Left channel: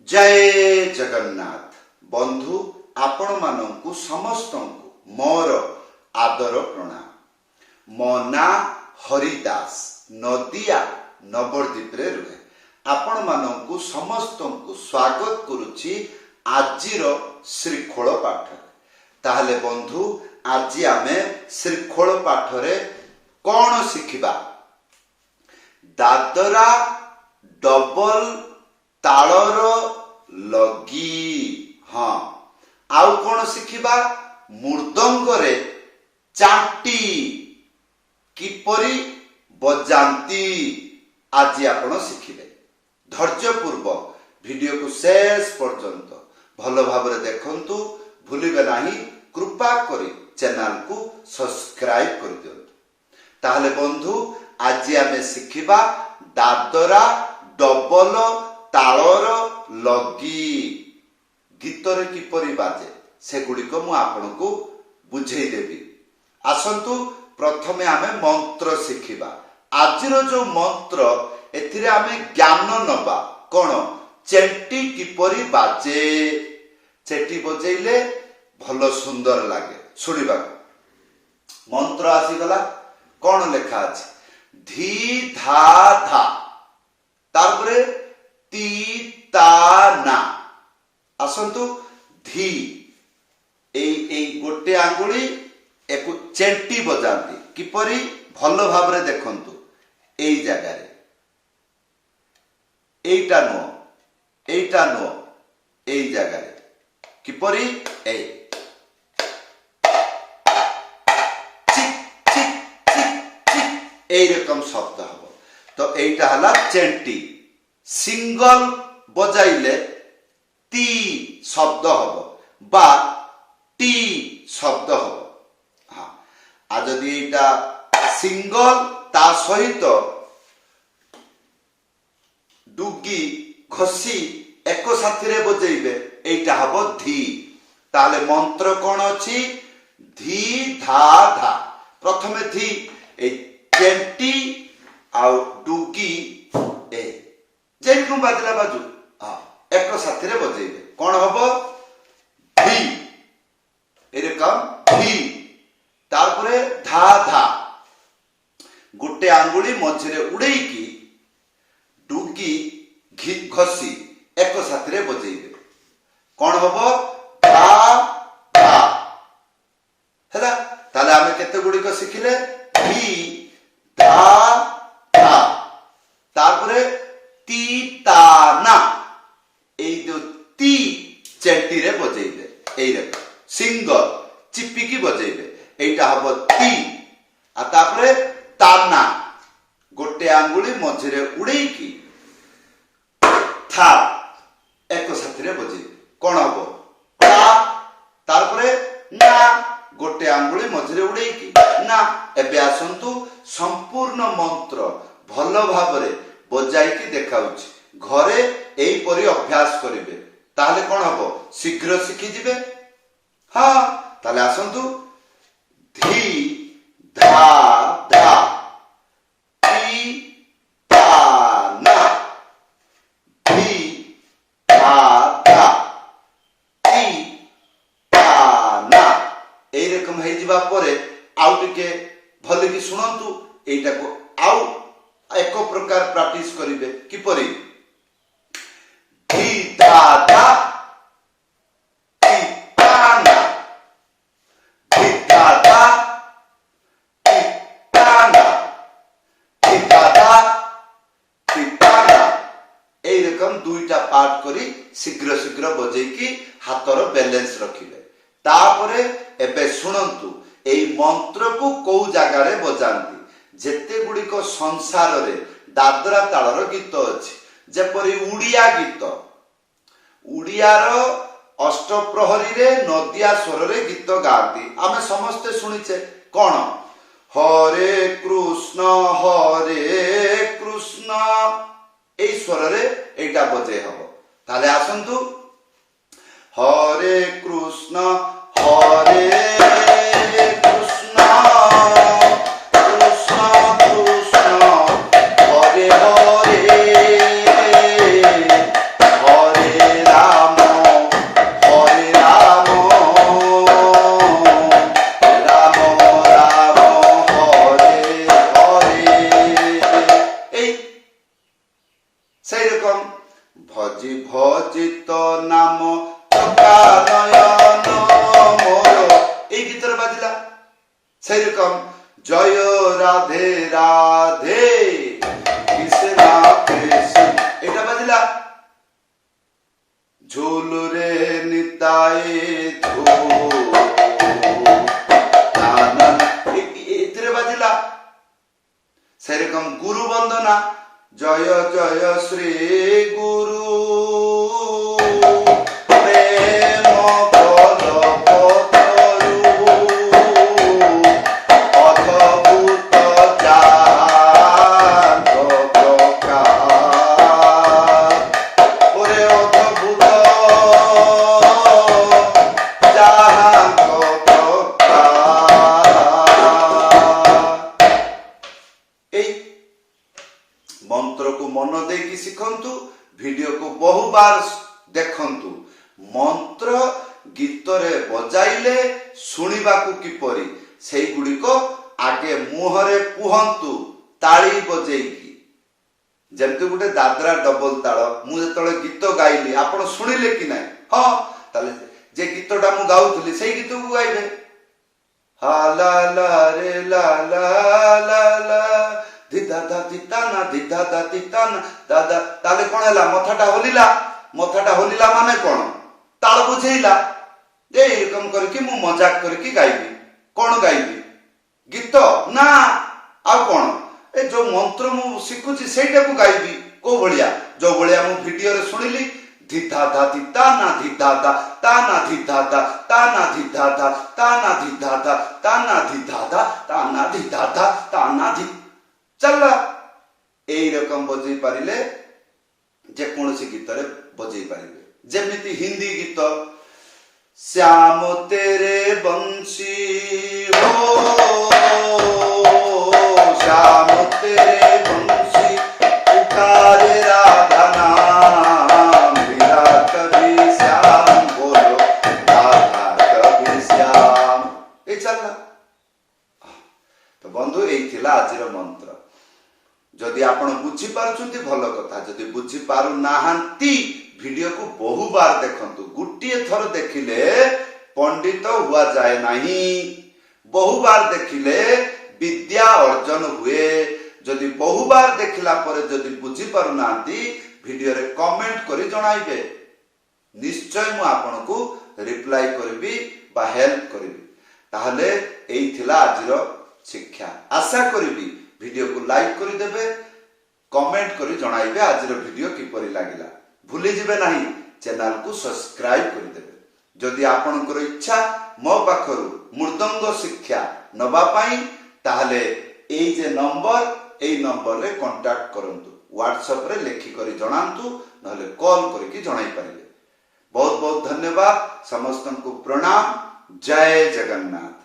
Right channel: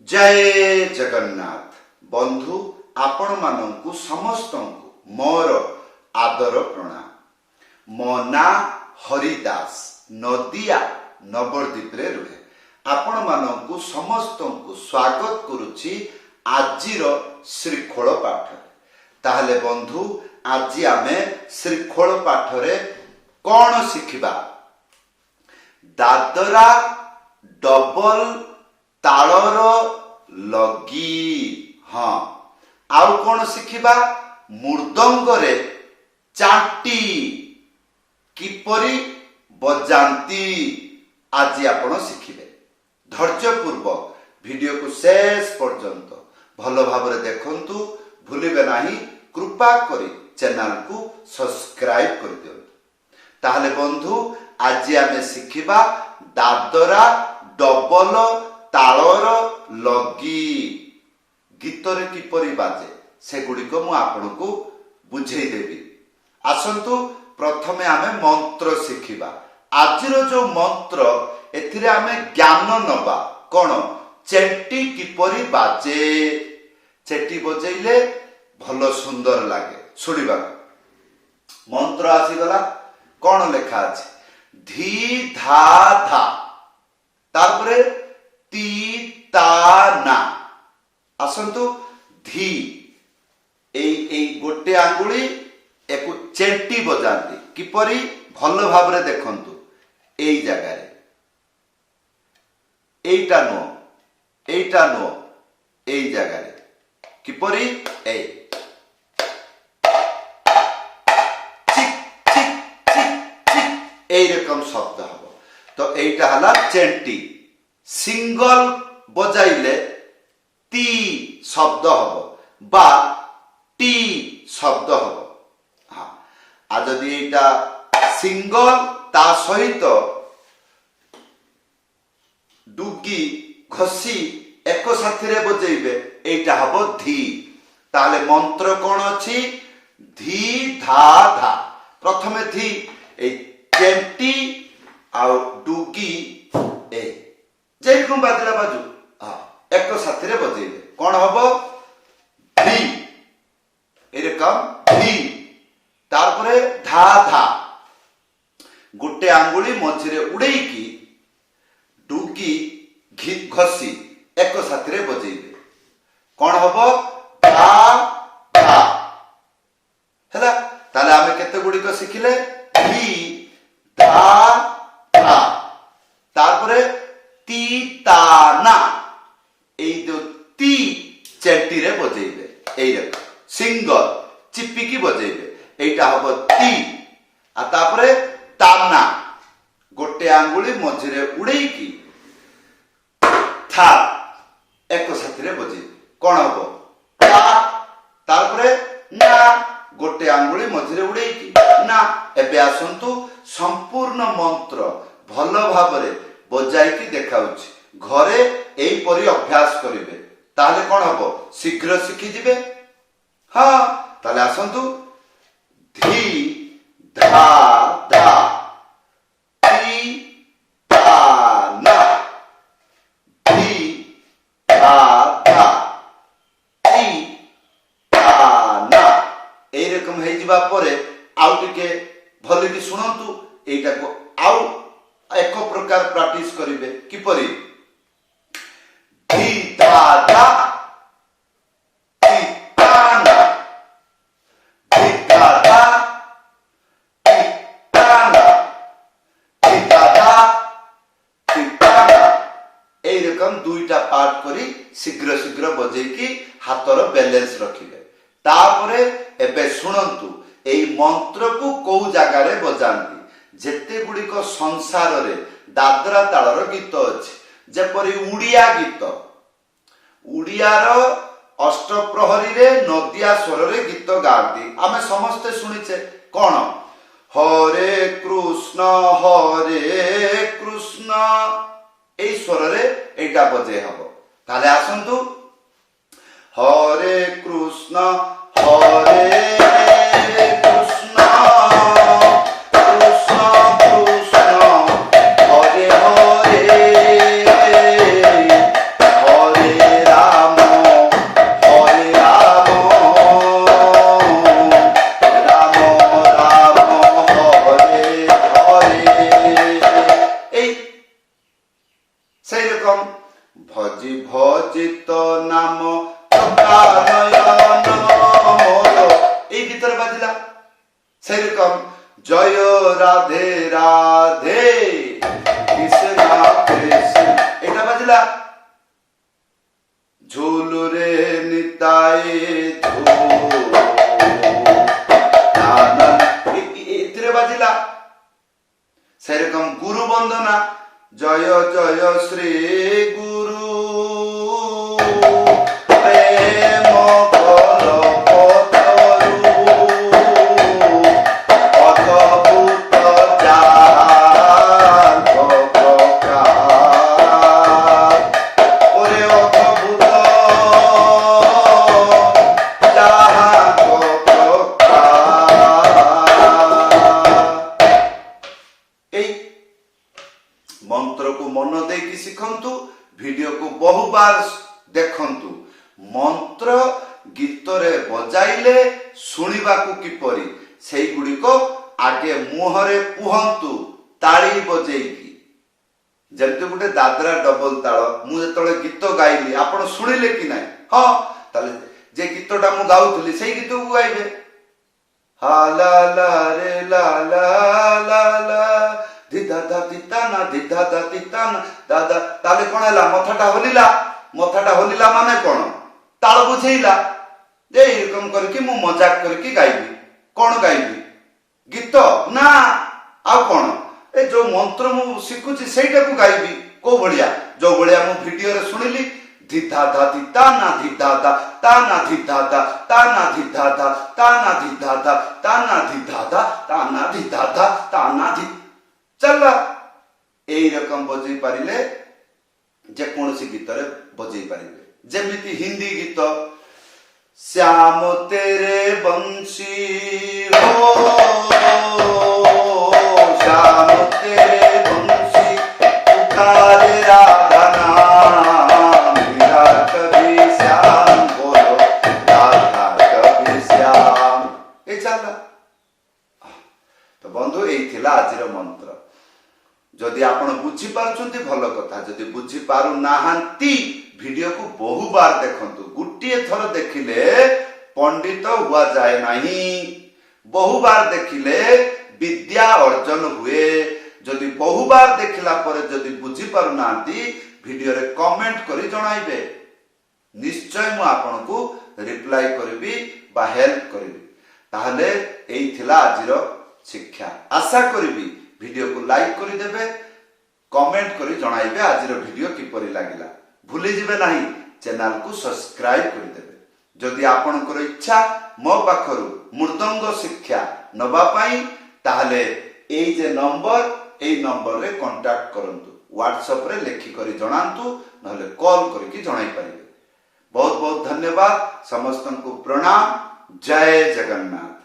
जय जगन्नाथ बंधु आपण मानंकु समस्त मोर आदर प्रणाम। मो ना हरिदास नदिया नवद्वीप रे रुहे। आपण मानंकु समस्त स्वागत करुछि आजिर श्रीखोल पाठ। ताहले बंधु आज आमे श्रीखोल पाठ रे कौन शिखिबा? दादरा डबल तालर लगी। हाँ, आउ कौन शिखिबा? मृदंग रे चाटी किपरि बजांती आज आपण शिखिबे। धैर्य पूर्वक वीडियो को शेष पर्यंत भल भाव देखंतु, भूलिबे नाही। कृपा करी चैनल को सब्सक्राइब कर दियंतु। ताहले बंधु आज आमे शिखिबा दादरा डबल तालर लगी। गीतरे किपरि बाजे सेगुड़िक मु आपनकु बुझेई देबी। आसंतु प्रथमे आमे मंत्र शिखिबा। आजिर जो मंत्र एथिरे आमे ज्ञान नबा कोन चेंटी किपरि बाजे। चेटी बजेइले भलो सुंदर लागे सुनिबा। मंत्र आसीगला कोन लेखा अछि? धी धा धा तारपरे ती ता ना। आसंतु धी एई गोटे आंगुली एकु चेंटी बजांती किपरि भल भाव रे देखंतु। एई जगह रे एईटा नो एई जगह रे किपरि ए चिक चिक चिक चिक एई रकम शब्द हबो। तो एईटा हला चेंटी। सिंगल बजाइले ती शब्द हबो बा टी शब्द हबो। हाँ, आ जदि एटा सिंगल ता सहित डुगी घसी एक साथी रे बजेइबे एटा हबो धी। ताले मंत्र कोन अछि? धी धा धा। प्रथमे धी ए चेंटी आ डुगी ए जेरकम बाजला बाजू एक साथी रे बजेइबे कोन हबो? धी। एरकम धी। तारपरे धा धा गोटे आंगुली मझिरे उड़ेइकी डुगी घसी एक साथी रे बजेइबे कोन हबो? धा धा। हैला ताले आमे केते गुडी को सिखिले? धी धा धा। तारपरे ती ता ना एई जो ती चेंटी रे बजेइबे एई रक सिंगल चिपिकी बजेइबे एटा हबो ती। आ तापरे ताना गोटे आंगुली मझिरे उड़ेइकी था एक साथी रे बजेइबे कोन हबो? ता। तारपरे ना गोटे आंगुली मझिरे उड़ेइकी ना। एबे आसंतु संपूर्ण मंत्र भल भाव रे बजाइकी देखाउछि। घरे एई परि अभ्यास करिवे ताहले कोन हबो? शीघ्र शिखि जिवे। हाँ, ताहले आसंतु धी धा धा ती ता ना धी धा धा ती ता ना। एई रकम हे जिबा परे आउ टिके भले कि सुनंतु। एइटा को आउ एक प्रकार प्रैक्टिस करिवे किपरि? धी धा धा ती ता ना धी धा धा ती ता ना धी धा धा ती ता ना। एई रकम दुईटा पार्ट करी शीघ्र शीघ्र बजेकी हातर बैलेंस रखिबे। तापरे एबे सुनंतु एई मंत्र को को जगह रे बजांती। जेते गुडी को संसार रे दादरा तालर गीत अछि जेपरि उड़िया गीत। उड़ियार अष्टप्रहरी रे नदिया स्वर रे गीत गाती आमे समस्ते सुनिचे कोन? हरे कृष्ण एई स्वर रे एटा बजे हबो। ताले आसंतु हरे कृष्ण हरे कृष्ण कृष्ण कृष्ण हरे हरे हरे ভজি ভজি তো নাম চকা নয়ন মোর, এই গীতরে বাজিলা। সেইরকম জয় রাধে রাধে কৃষ্ণ কৃষ্ণ, এটা বাজিলা। ঝুলুরে নিতাই ঝুল, এতে বাজিলা। সেরকম গুরু বন্দনা জয় জয় শ্রী গুরু প্রেম কলপতরু অদ্ভুত যাহাঙ্গ প্রকার, ওরে অদ্ভুত যাহাঙ্গ প্রকার। এই ମନ୍ତ୍ରକୁ ମନ ଦେଇକି ଶିଖନ୍ତୁ, ଭିଡିଓକୁ ବହୁବାର ଦେଖନ୍ତୁ। ମନ୍ତ୍ର ଗୀତରେ ବଜାଇଲେ ଶୁଣିବାକୁ କିପରି ସେଇଗୁଡ଼ିକ ଆଗେ ମୁହଁରେ କୁହନ୍ତୁ ତାଳି ବଜେଇକି। ଯେମିତି ଗୋଟେ ଦାଦରା ଡବଲ ତାଳ, ମୁଁ ଯେତେବେଳେ ଗୀତ ଗାଇଲି ଆପଣ ଶୁଣିଲେ କି ନାହିଁ? ହଁ, ତାହେଲେ ଯେ ଗୀତଟା ମୁଁ ଗାଉଥିଲି ସେଇ ଗୀତକୁ ଗାଇବେ। ହା ଲା ଲା ରେ ଲା ଲା ଲା ଲା ଧିଦାଦା ତିତାନା ଧିଦାଦା ତିତାନା ଦାଦା। ତାହେଲେ କଣ ହେଲା? ମଥାଟା ହଲିଲା। ମଥାଟା ହଲିଲା ମାନେ କଣ? ତାଳ ବୁଝେଇଲା। ଏରକମ କରିକି ମୁଁ ମଜାକ କରିକି ଗାଇବି। କଣ ଗାଇବି? ଗୀତ ନା ଆଉ କଣ? ଏ ଯୋଉ ମନ୍ତ୍ର ମୁଁ ଶିଖୁଛି ସେଇଟାକୁ ଗାଇବି। କୋଉ ଭଳିଆ? ଯୋଉ ଭଳିଆ ମୁଁ ଭିଡିଓରେ ଶୁଣିଲି, ଧିଦାଦା ତିତାନା ଧିଦାଦା ତାନା ଧିଦାଦା ତାନା ଧିଦାଦା ତାନା ଧିଦାଦା ତାନା ଧିଦାଦା ତାନା ଧିଦାଦା ତାନା ଧି ଚାଲ। এইরকম বজাই পারিলে যেকୌଣସି গীତରେ বজাই ପାରିବେ। যেମିତି হিন্দি গীত শ্যাম তেরে বংশী হো, শ্যাম তেরে বংশী পুকারে রাধা নাম, মেরা কবি শ্যাম বলো রাধা কবি শ্যাম। এই চাল্লা। তো বন্ধু এই ଥିଲା ଆଜିର ମନ୍ତ୍ର। ଯଦି ଆପଣ ବୁଝିପାରୁଛନ୍ତି ଭଲ କଥା, ଯଦି ବୁଝିପାରୁନାହାନ୍ତି ଭିଡିଓକୁ ବହୁବାର ଦେଖନ୍ତୁ। ଗୋଟିଏ ଥର ଦେଖିଲେ ପଣ୍ଡିତ ହୁଆଯାଏ ନାହିଁ, ବହୁବାର ଦେଖିଲେ ବିଦ୍ୟା ଅର୍ଜନ ହୁଏ। ଯଦି ବହୁବାର ଦେଖିଲା ପରେ ଯଦି ବୁଝିପାରୁନାହାନ୍ତି ଭିଡିଓରେ କମେଣ୍ଟ କରି ଜଣାଇବେ, ନିଶ୍ଚୟ ମୁଁ ଆପଣଙ୍କୁ ରିପ୍ଲାଏ କରିବି ବା ହେଲ୍ପ କରିବି। ତାହେଲେ ଏଇ ଥିଲା ଆଜିର ଶିକ୍ଷା। ଆଶା କରିବି ভিডিওକୁ লাইক କରିଦେବେ, কমেন্ট କରି ଜଣାଇବେ ଆଜିର ଭିଡିଓ କିପରି ଲାଗିଲା। ଭୁଲି ଯିବେ ନାହିଁ ଚ୍ୟାନେଲକୁ ସବସ୍କ୍ରାଇବ କରିଦେବେ। ଯଦି ଆପଣଙ୍କର ଇଚ୍ଛା ମୋ ପାଖରୁ ମୃଦଙ୍ଗ ଶିକ୍ଷା ନେବା ପାଇଁ, ତାହେଲେ ଏଇ ଯେ ନମ୍ବର, ଏଇ ନମ୍ବରରେ କଣ୍ଟାକ୍ଟ କରନ୍ତୁ। ହ୍ୱାଟ୍ସଆପରେ ଲେଖିକରି ଜଣାନ୍ତୁ, ନହେଲେ କଲ୍ କରିକି ଜଣାଇ ପାରିବେ। ବହୁତ ବହୁତ ଧନ୍ୟବାଦ। ସମସ୍ତଙ୍କୁ ପ୍ରଣାମ। ଜୟ ଜଗନ୍ନାଥ।